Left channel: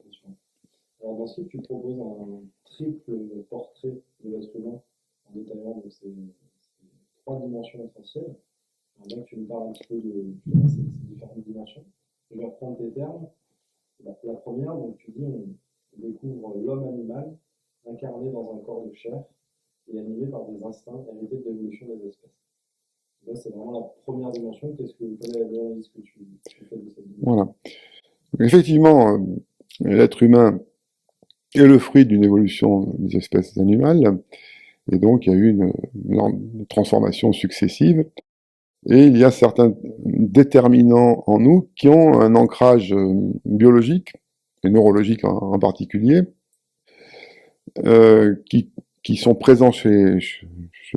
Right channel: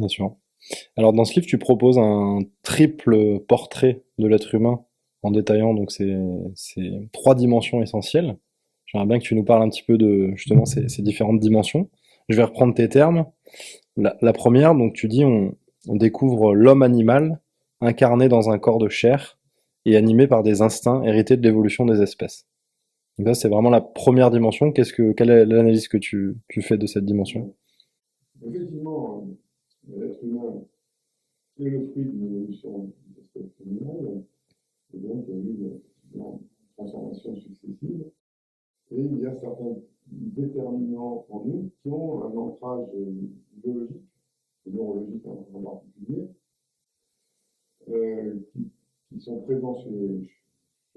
bien sûr. Alors dans ce livre, tu proposes un triple portrait de l'être humain en détaillant donc ces trois dimensions essentielles. J'aimerais bien que tu nous parles un petit peu de justement ces différentes dimensions. Je vais reprendre tes termes. La première, donc tu dis on découvre l'homme animal incarné dans un corps de chair et animé par des instincts hérités de l'évolution des espèces. Donc là, c'est vraiment la première dimension. Quelle est l'analyse que tu fais de cette dimension? Voilà. Effectivement, l'être humain est le fruit d'une évolution des espèces animales, et donc il y a eu une transformation successive, et il y a certains déterminants en nous qui ont un ancrage biologique, et neurologique en particulier, euh, qui, qui sont présents chez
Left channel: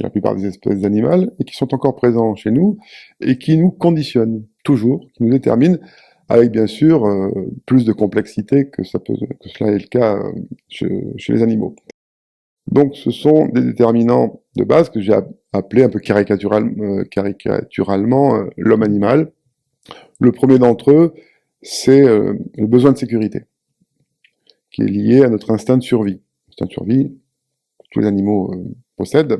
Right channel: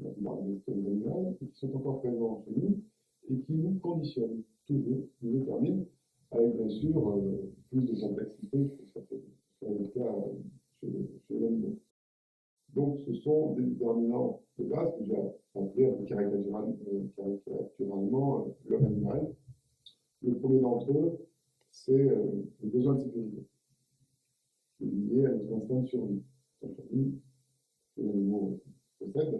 la plupart des espèces animales, et qui sont encore présents chez nous, et qui nous conditionnent toujours, qui nous déterminent, avec bien sûr plus de complexité que cela est le cas chez les animaux. Donc ce sont des déterminants de base que j'ai appelés un peu caricaturalement l'homme animal. Le premier d'entre eux, c'est le besoin de sécurité, qui est lié à notre instinct de survie. Instinct de survie que tous les animaux possèdent,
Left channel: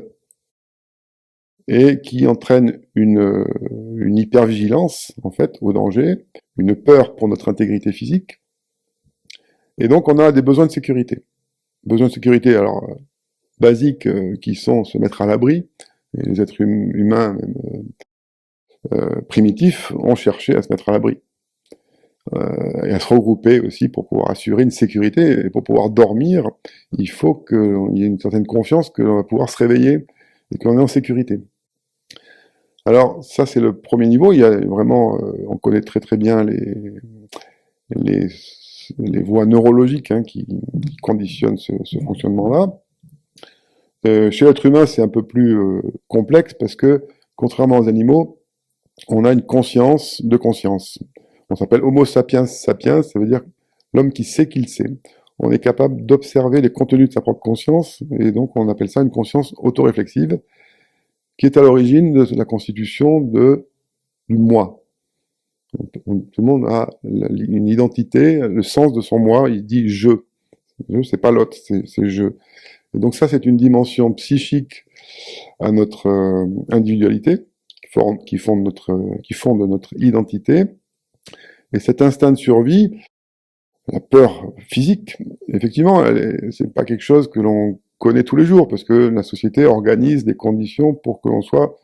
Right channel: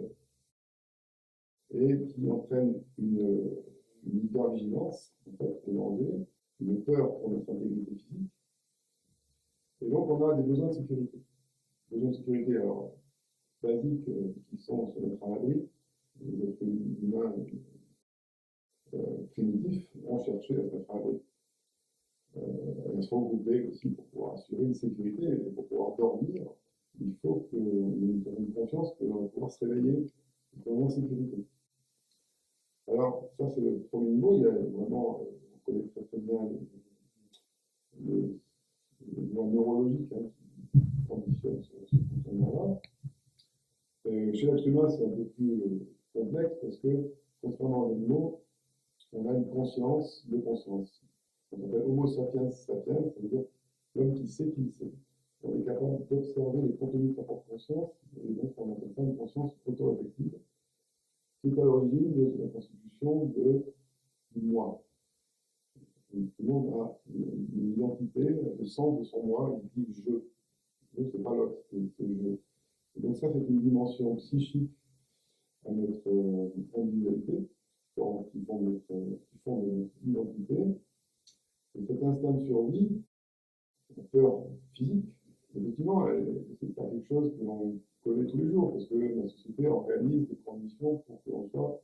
et qui entraîne une hypervigilance, en fait, au danger, une peur pour notre intégrité physique, et donc on a des besoins de sécurité. Besoins de sécurité, alors, basiques, qui sont se mettre à l'abri, et les êtres humains, même, primitifs, ont cherché à se mettre à l'abri, et à se regrouper aussi pour pouvoir assurer une sécurité, et pour pouvoir dormir, il faut qu'il y ait une certaine confiance que l'on va pouvoir se réveiller, et qu'on est en sécurité. Alors, ça, c'est le premier niveau. Il y a vraiment, on connaît très très bien les, les voies neurologiques hein, qui conditionnent ce fonctionnement-là. Chez l'être humain, c'est un peu plus complexe parce que, contrairement aux animaux, on a une conscience de conscience. On s'appelle Homo sapiens sapiens, ça veut dire l'homme qui sait qu'il sait. On est capable d'observer les contenus de sa propre conscience, et donc on appelle ça une conscience autoréflexive, qui est à l'origine de la constitution du moi. Tout le monde a une identité, le sens de son moi, il dit je. Je, c'est pas l'autre, c'est je. Et donc ça, c'est une dimension psychique à notre individualité, qui fonde notre identité. Et cet instinct de survie, la peur physique, effectivement, c'est pas quelque chose que l'on connaît tous les jours, parce que la société organise des conditions pour que l'on soit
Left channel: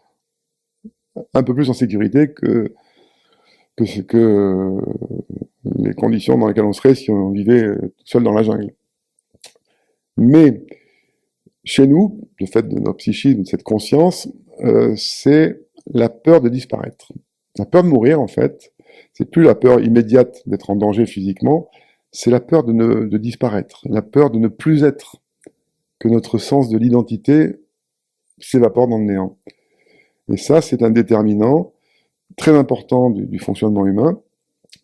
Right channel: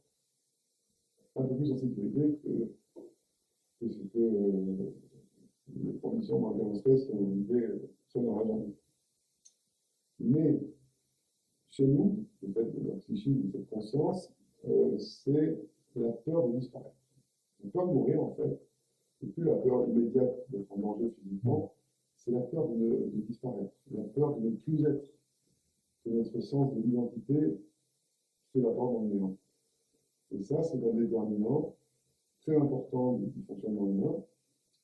un peu plus en sécurité que les conditions dans lesquelles on serait si on vivait seul dans la jungle. Mais chez nous, le fait de notre psychisme, de cette conscience, c'est la peur de disparaître. La peur de mourir, en fait, c'est plus la peur immédiate d'être en danger physiquement, c'est la peur de disparaître, la peur de ne plus être, que notre sens de l'identité s'évapore dans le néant. Et ça, c'est un déterminant très important du fonctionnement humain,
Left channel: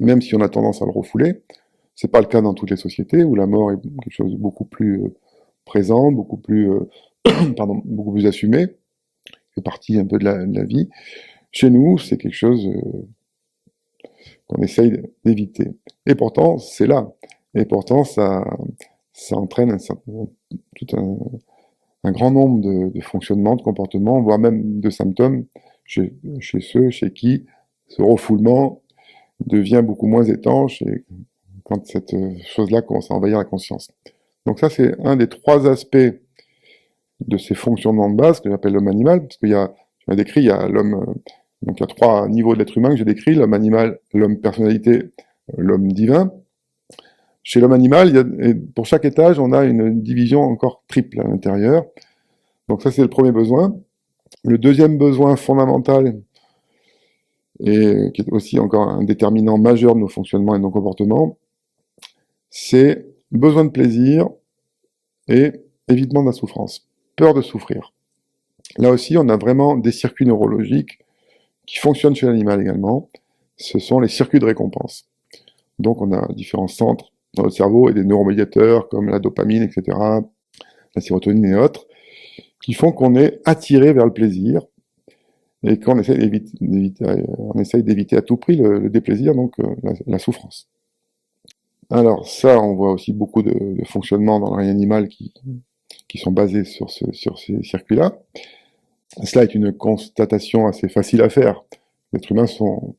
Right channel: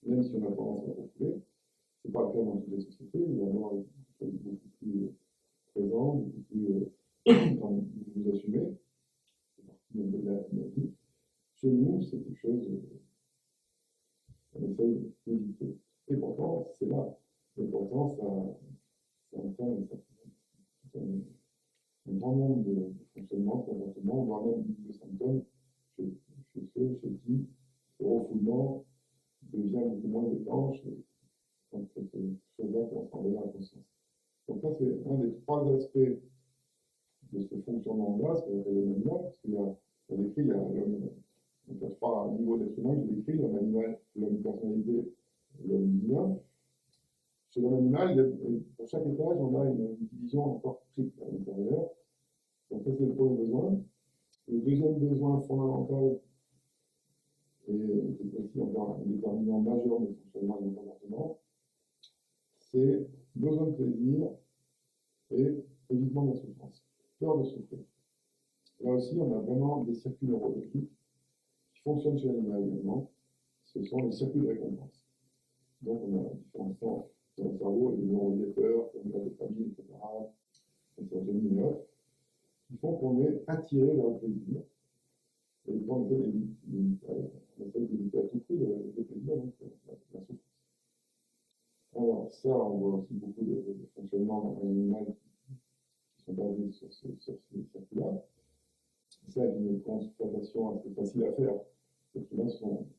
même si on a tendance à le refouler. C'est pas le cas dans toutes les sociétés où la mort est quelque chose de beaucoup plus présent, beaucoup plus, pardon, beaucoup plus assumé, fait partie un peu de la vie. Chez nous, c'est quelque chose qu'on essaye d'éviter. Et pourtant, c'est là. Et pourtant, ça entraîne tout un grand nombre de fonctionnements, de comportements, voire même de symptômes chez ceux chez qui ce refoulement devient beaucoup moins étanche et quand cette chose-là commence à envahir la conscience. Donc ça, c'est un des trois aspects de ces fonctionnements de base que j'appelle l'homme animal, parce qu'il y a, je l'ai décrit, il y a l'homme, donc il y a trois niveaux de l'être humain que j'ai décrit, l'homme animal, l'homme personnalité, l'homme divin. Chez l'homme animal, et pour chaque étage, on a une division encore triple à l'intérieur. Donc ça, c'est le premier besoin. Le deuxième besoin fondamental, et qui est aussi encore un déterminant majeur de nos fonctionnements et de nos comportements, c'est besoin de plaisir et évitement de la souffrance, peur de souffrir. Là aussi, on a vraiment des circuits neurologiques qui fonctionnent chez l'animal également. Ce sont les circuits de récompense. Donc on a différents centres dans notre cerveau et des neuromédiateurs comme la dopamine, etc., la sérotonine et autres, qui font qu'on est attiré vers le plaisir et qu'on essaye d'éviter à tout prix le déplaisir, donc la souffrance. Alors ça, on voit aussi beaucoup de fonctionnements dans le règne animal qui sont basés sur ces circuits-là. Cela est une constatation assez facile à faire. Les êtres humains sont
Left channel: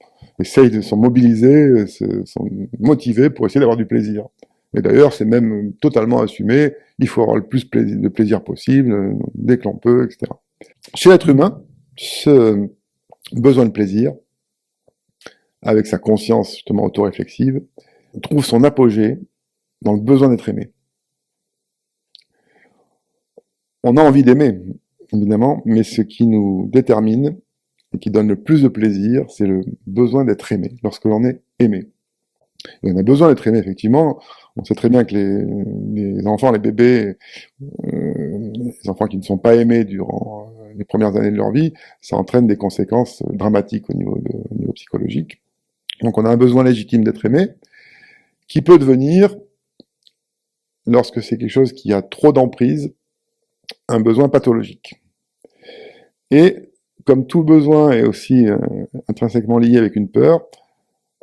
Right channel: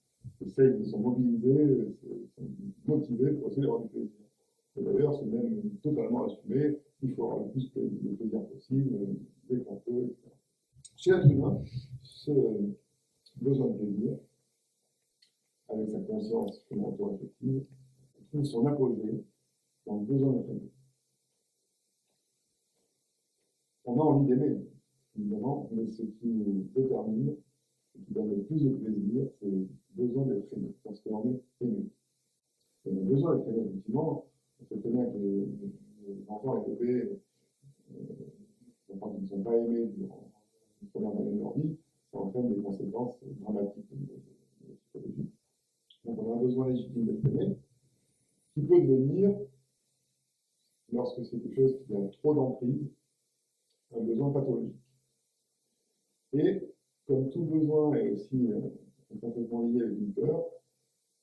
mobilisés, sont motivés pour essayer d'avoir du plaisir. Et d'ailleurs, c'est même totalement assumé, il faut avoir le plus de plaisir possible, dès que l'on peut, etc. Chez l'être humain, ce besoin de plaisir, avec sa conscience justement autoréflexive, trouve son apogée dans le besoin d'être aimé. On a envie d'aimer, évidemment, mais ce qui nous détermine et qui donne le plus de plaisir, c'est le besoin d'être aimé, lorsque l'on est aimé. Et on a besoin d'être aimé, effectivement. On sait très bien que les enfants, les bébés, les enfants qui ne sont pas aimés durant les premières années de leur vie, ça entraîne des conséquences dramatiques au niveau psychologique. Donc on a un besoin légitime d'être aimé, qui peut devenir, lorsque c'est quelque chose qui a trop d'emprise, un besoin pathologique. Et comme tout besoin est aussi intrinsèquement lié avec une peur,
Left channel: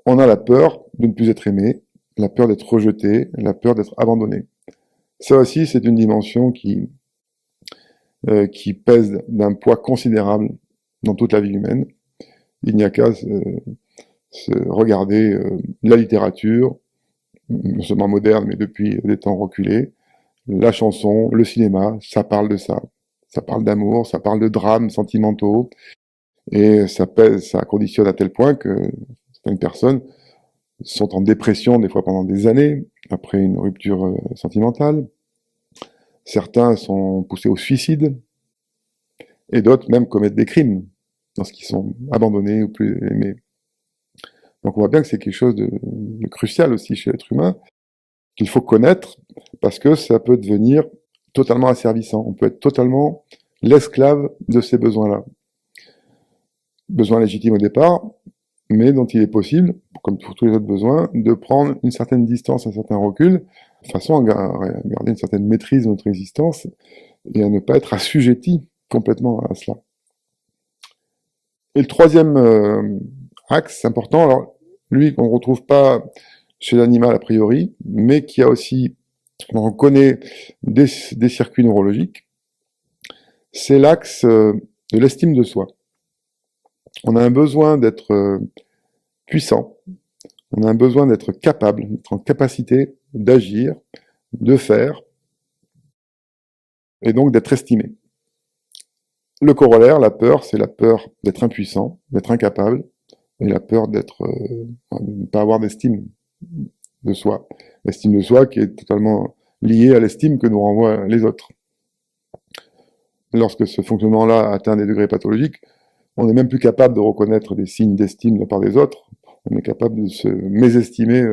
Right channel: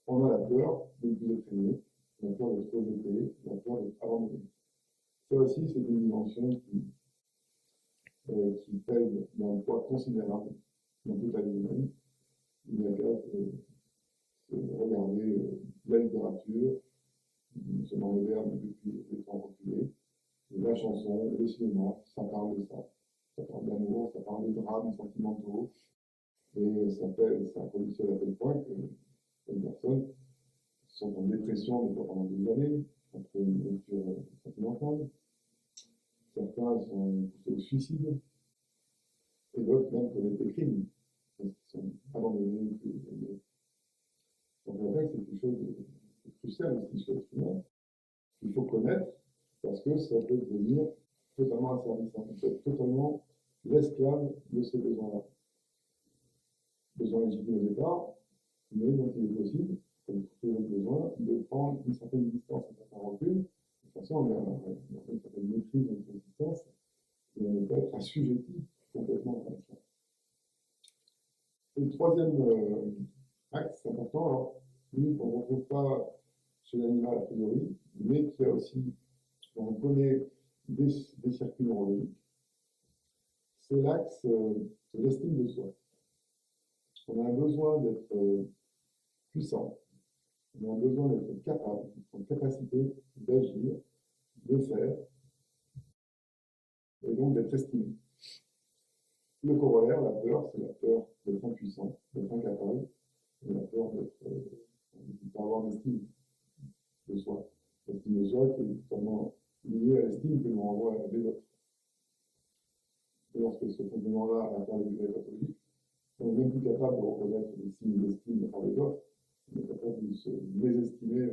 on a la peur de ne plus être aimé, la peur d'être rejeté, la peur d'être abandonné. Ça aussi, c'est une dimension qui pèse d'un poids considérable dans toute la vie humaine. Il n'y a qu'à regarder la littérature, non seulement moderne, mais depuis des temps reculés, la chanson, le cinéma, ça parle de ça. Ça parle d'amour, ça parle de drames sentimentaux, et ça pèse, ça conditionne à tel point que certaines personnes sont en dépression des fois pendant des années, après une rupture sentimentale. Certains sont poussés au suicide, et d'autres même commettent des crimes lorsqu'ils sont abandonnés ou plus aimés. Donc on voit bien que c'est quelque chose de crucial aussi chez l'être humain, qu'il faut connaître, parce que ça peut devenir totalement asservissant. On peut être totalement l'esclave de ces besoins-là. Besoins légitimes au départ, mais dont il est possible, comme pour tous les autres besoins, de prendre une certaine distance, un certain recul, de façon à garder une certaine maîtrise de notre existence et à ne pas être assujetti complètement à cela. Et le troisième axe important, alors lui qu'on ne retrouve pas chez l'animal a priori, mais qui a aussi, on connaît des circuits neurologiques, c'est l'axe de l'estime de soi. On a un besoin d'être puissant, on a un besoin d'être capable, d'être en capacité d'agir, de faire, et donc d'être estimé. Le corollaire, la peur, c'est la peur d'être impuissant, d'être incapable, et la peur de ne pas avoir d'estime de soi. L'estime de soi qui est totalement liée à l'estime que nous renvoient les autres. Lorsque ce fonctionnement-là atteint des degrés pathologiques, on n'est même plus capable de reconnaître des signes d'estime de la part des autres. On est capable de se mésestimer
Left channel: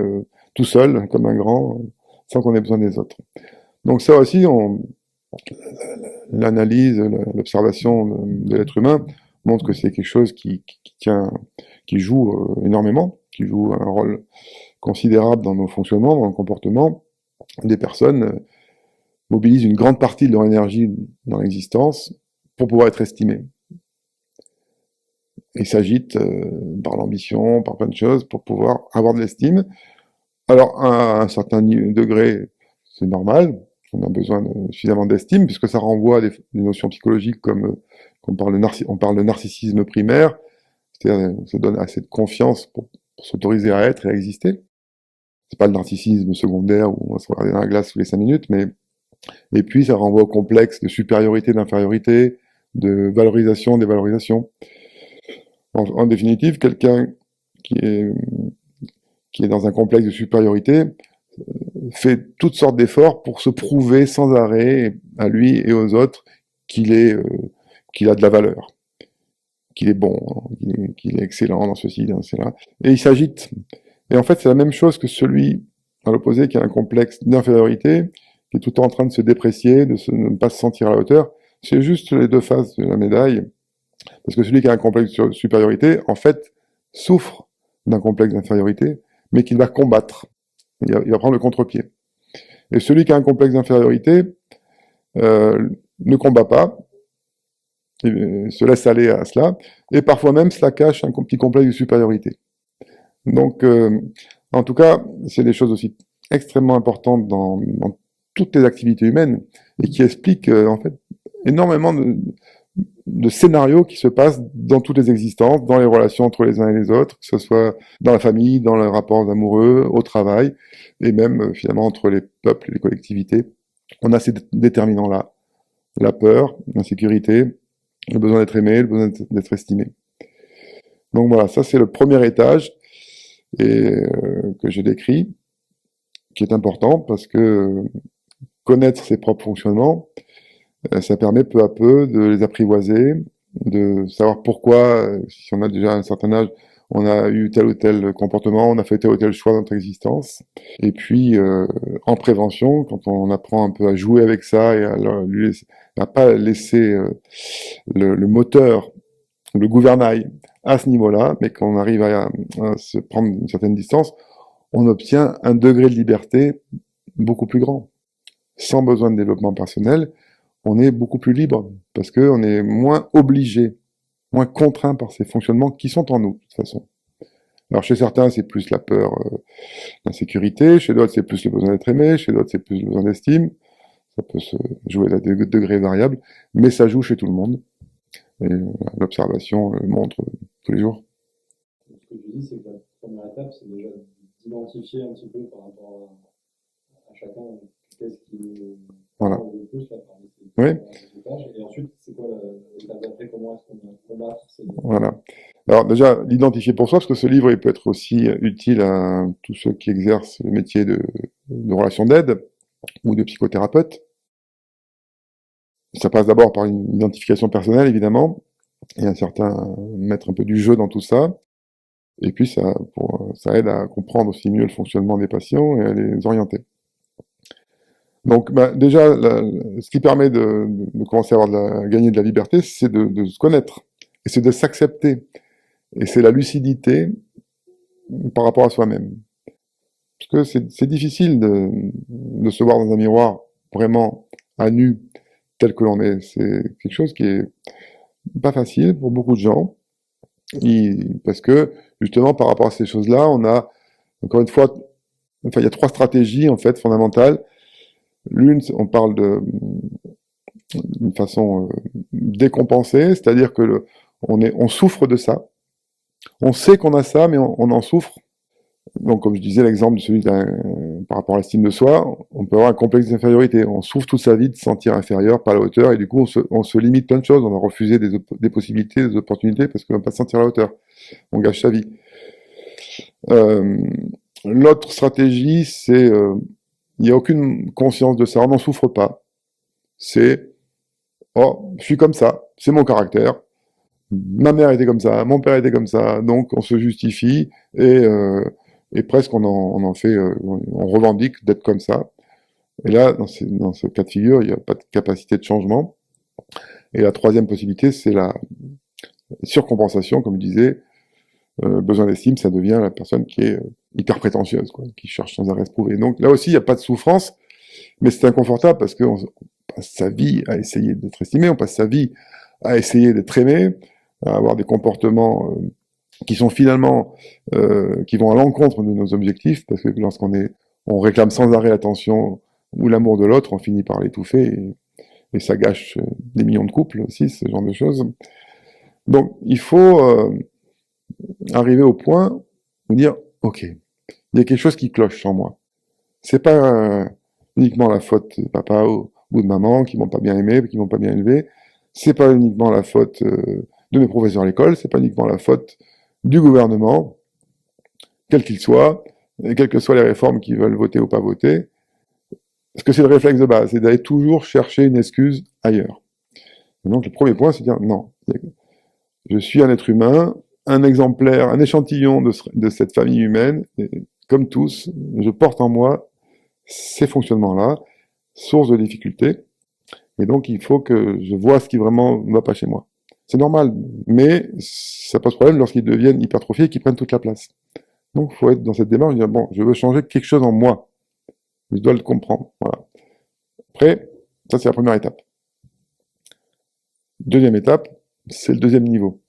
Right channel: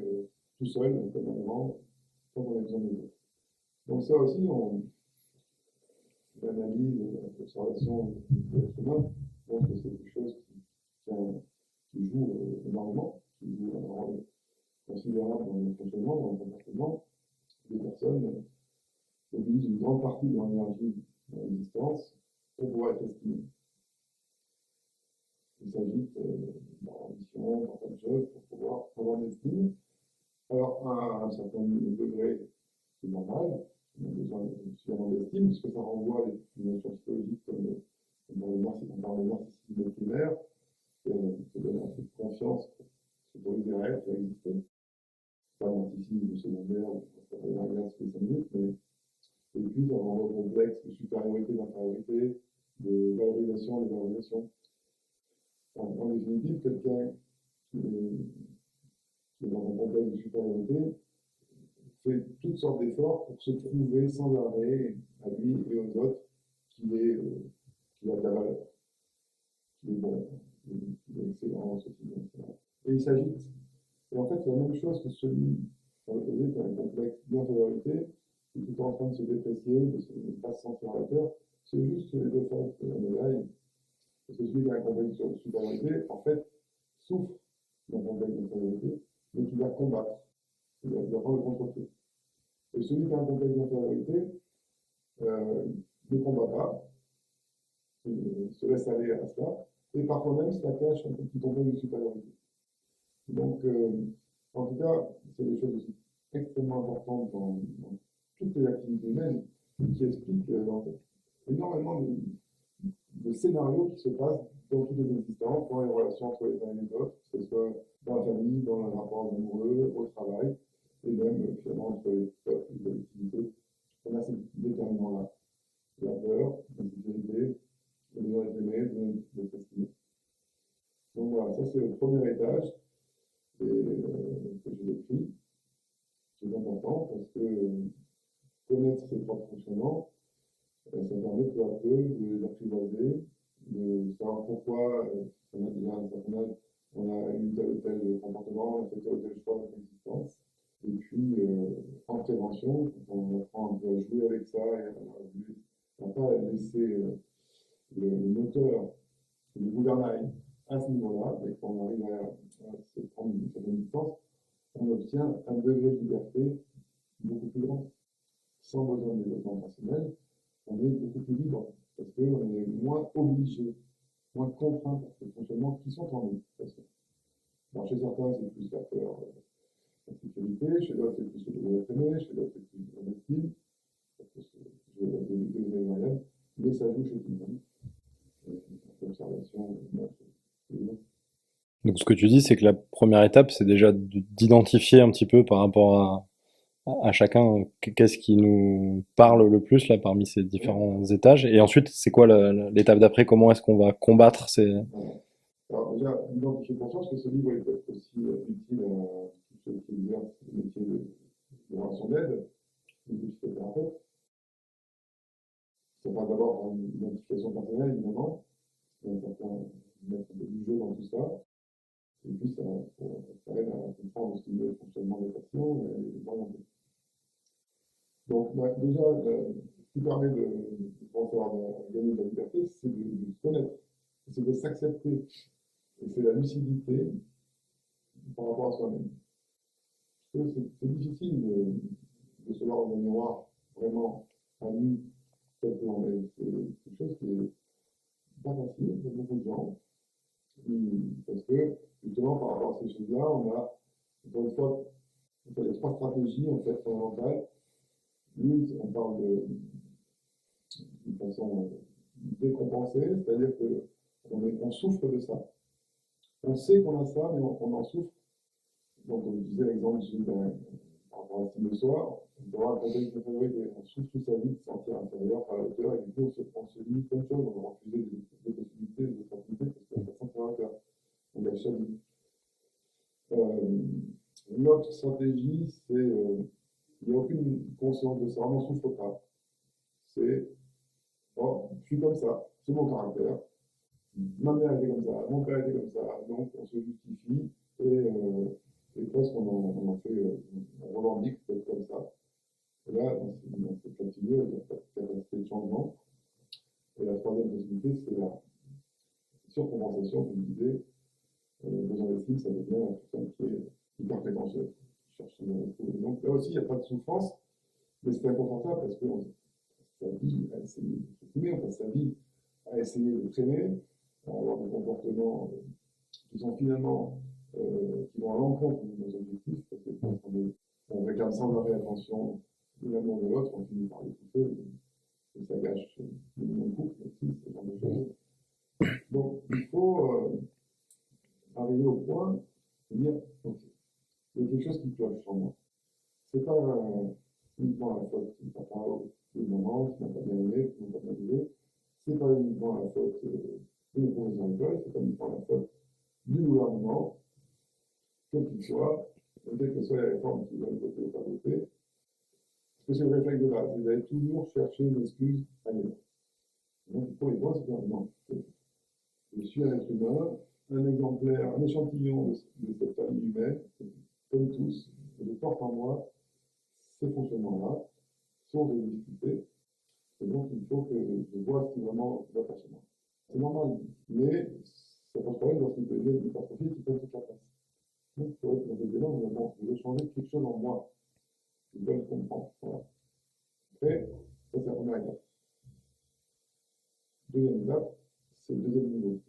tout seul, comme un grand, sans qu'on ait besoin des autres. Donc ça aussi, l'analyse, l'observation de l'être humain montre que c'est quelque chose qui joue énormément, qui joue un rôle considérable dans nos fonctionnements, dans nos comportements. Des personnes mobilisent une grande partie de leur énergie dans l'existence pour pouvoir être estimées. Et s'agitent par l'ambition, par plein de choses, pour pouvoir avoir de l'estime. Alors, à un certain degré, c'est normal, on a besoin suffisamment d'estime, puisque ça renvoie à des notions psychologiques comme on parle de narcissisme primaire, c'est-à-dire on se donne assez de confiance pour s'autoriser à être et à exister. C'est pas le narcissisme secondaire où on va se regarder dans la glace tous les 5 minutes, mais et puis ça renvoie au complexe de supériorité, d'infériorité, de valorisation, dévalorisation. En définitive, quelqu'un qui est, qui est dans un complexe de supériorité fait toutes sortes d'efforts pour se prouver sans arrêt à lui et aux autres qu'il a de la valeur, qu'il est bon, qu'il est excellent dans ceci, dans cela. Et il s'agite. Et en fait, c'est la même chose que celui, à l'opposé, qui a un complexe d'infériorité, qui est tout le temps en train de se déprécier, de ne pas se sentir à la hauteur. C'est juste les deux faces de la médaille. Parce que celui qui a un complexe de supériorité, en fait, souffre d'un complexe d'infériorité, mais qu'il va combattre. Il va prendre le contre-pied. Et celui qui a un complexe d'infériorité ne combat pas, et se laisse aller à cela, et parfois même cela cache un petit complexe de supériorité. Donc, en tout cas, c'est des choses aussi extrêmement importante dans toutes les activités humaines et qui explique en fait énormément de scénarios qui se passent dans toutes les existences, dans les relations entre les uns et les autres, que ce soit dans la famille, dans les rapports amoureux, au travail, et même finalement entre les peuples et les collectivités. On a ces déterminants-là, la peur, l'insécurité, le besoin d'être aimé, le besoin d'être estimé. Donc voilà, ça c'est le premier étage que j'ai décrit, qui est important parce que connaître ses propres fonctionnements, ça permet peu à peu de les apprivoiser, de savoir pourquoi, si on a déjà un certain âge, on a eu tel ou tel comportement, on a fait tel ou tel choix dans notre existence. Et puis, en prévention, quand on apprend un peu à jouer avec ça et à pas laisser le moteur, le gouvernail à ce niveau-là, mais qu'on arrive à se prendre une certaine distance, on obtient un degré de liberté beaucoup plus grand. Sans besoin de développement personnel, on est beaucoup plus libre, parce qu'on est moins obligé, moins contraint par ces fonctionnements qui sont en nous, de toute façon. Alors chez certains, c'est plus la peur, l'insécurité, chez d'autres, c'est plus le besoin d'être aimé, chez d'autres, c'est plus le besoin d'estime. Ça peut se jouer à des degrés variables, mais ça joue chez tout le monde. Et l'observation le montre tous les jours. Donc ce que tu dis, c'est que la première étape, c'est déjà d'identifier un petit peu par rapport à chacun qu'est-ce qui nous Voilà. parle le plus là parmi ces Oui, différents étages. Et ensuite, c'est quoi l'étape d'après? Comment est-ce qu'on va combattre ces... voilà. Alors déjà, l'identifier pour soi, parce que ce livre, il peut être aussi utile à tous ceux qui exercent le métier de relation d'aide ou de psychothérapeute. Ça passe d'abord par une identification personnelle, évidemment, et un certain mettre un peu du jeu dans tout ça. Et puis ça aide à comprendre aussi mieux le fonctionnement des patients et à les orienter. Donc bah, déjà, ce qui permet de commencer à gagner de la liberté, c'est de se connaître, et c'est de s'accepter, et c'est la lucidité par rapport à soi-même. Parce que c'est difficile de se voir dans un miroir vraiment à nu, tel que l'on est. C'est quelque chose qui est pas facile pour beaucoup de gens, parce que justement par rapport à ces choses-là, on a encore une fois, enfin il y a trois stratégies en fait fondamentales. L'une, on parle d'une façon décompensée, c'est-à-dire que on souffre de ça. On sait qu'on a ça, mais on en souffre. Donc, comme je disais, l'exemple de celui par rapport à l'estime de soi, on peut avoir un complexe d'infériorité. On souffre toute sa vie de se sentir inférieur, pas à la hauteur, et du coup, on se limite plein de choses. On va refuser des possibilités, des opportunités, parce qu'on ne va pas se sentir à la hauteur. On gâche sa vie. Euh, L'autre stratégie, c'est il n'y a aucune conscience de ça, on n'en souffre pas. C'est oh, je suis comme ça, c'est mon caractère. Ma mère était comme ça, mon père était comme ça, donc on se justifie et presque on en fait, on revendique d'être comme ça. Et là, dans ce cas de figure, il n'y a pas de capacité de changement. Et la troisième possibilité, c'est la surcompensation, comme je disais, besoin d'estime, ça devient la personne qui est hyper prétentieuse, quoi, qui cherche sans arrêt à se prouver. Donc là aussi, il n'y a pas de souffrance, mais c'est inconfortable parce qu'on passe sa vie à essayer d'être estimé, on passe sa vie à essayer d'être aimé, à avoir des comportements qui sont finalement, qui vont à l'encontre de nos objectifs, parce que on réclame sans arrêt l'attention ou l'amour de l'autre, on finit par l'étouffer et ça gâche des millions de couples aussi, ce genre de choses. Donc il faut arriver au point de dire, ok, il y a quelque chose qui cloche en moi. C'est pas uniquement la faute de papa ou de maman qui m'ont pas bien aimé, qui m'ont pas bien élevé. C'est pas uniquement la faute de mes professeurs à l'école. C'est pas uniquement la faute du gouvernement, quel qu'il soit, et quelles que soient les réformes qu'ils veulent voter ou pas voter. Parce que c'est le réflexe de base, c'est d'aller toujours chercher une excuse ailleurs. Et donc le premier point, c'est de dire non, je suis un être humain, un exemplaire, un échantillon de cette famille humaine, et comme tous, je porte en moi ces fonctionnements-là, source de difficultés, et donc il faut que je vois ce qui vraiment ne va pas chez moi. C'est normal, mais ça pose problème lorsqu'ils deviennent hypertrophiés et qu'ils prennent toute la place. Donc il faut être dans cette démarche, dire bon, je veux changer quelque chose en moi, je dois le comprendre. Voilà. Après, ça c'est la première étape. Deuxième étape, c'est le deuxième niveau.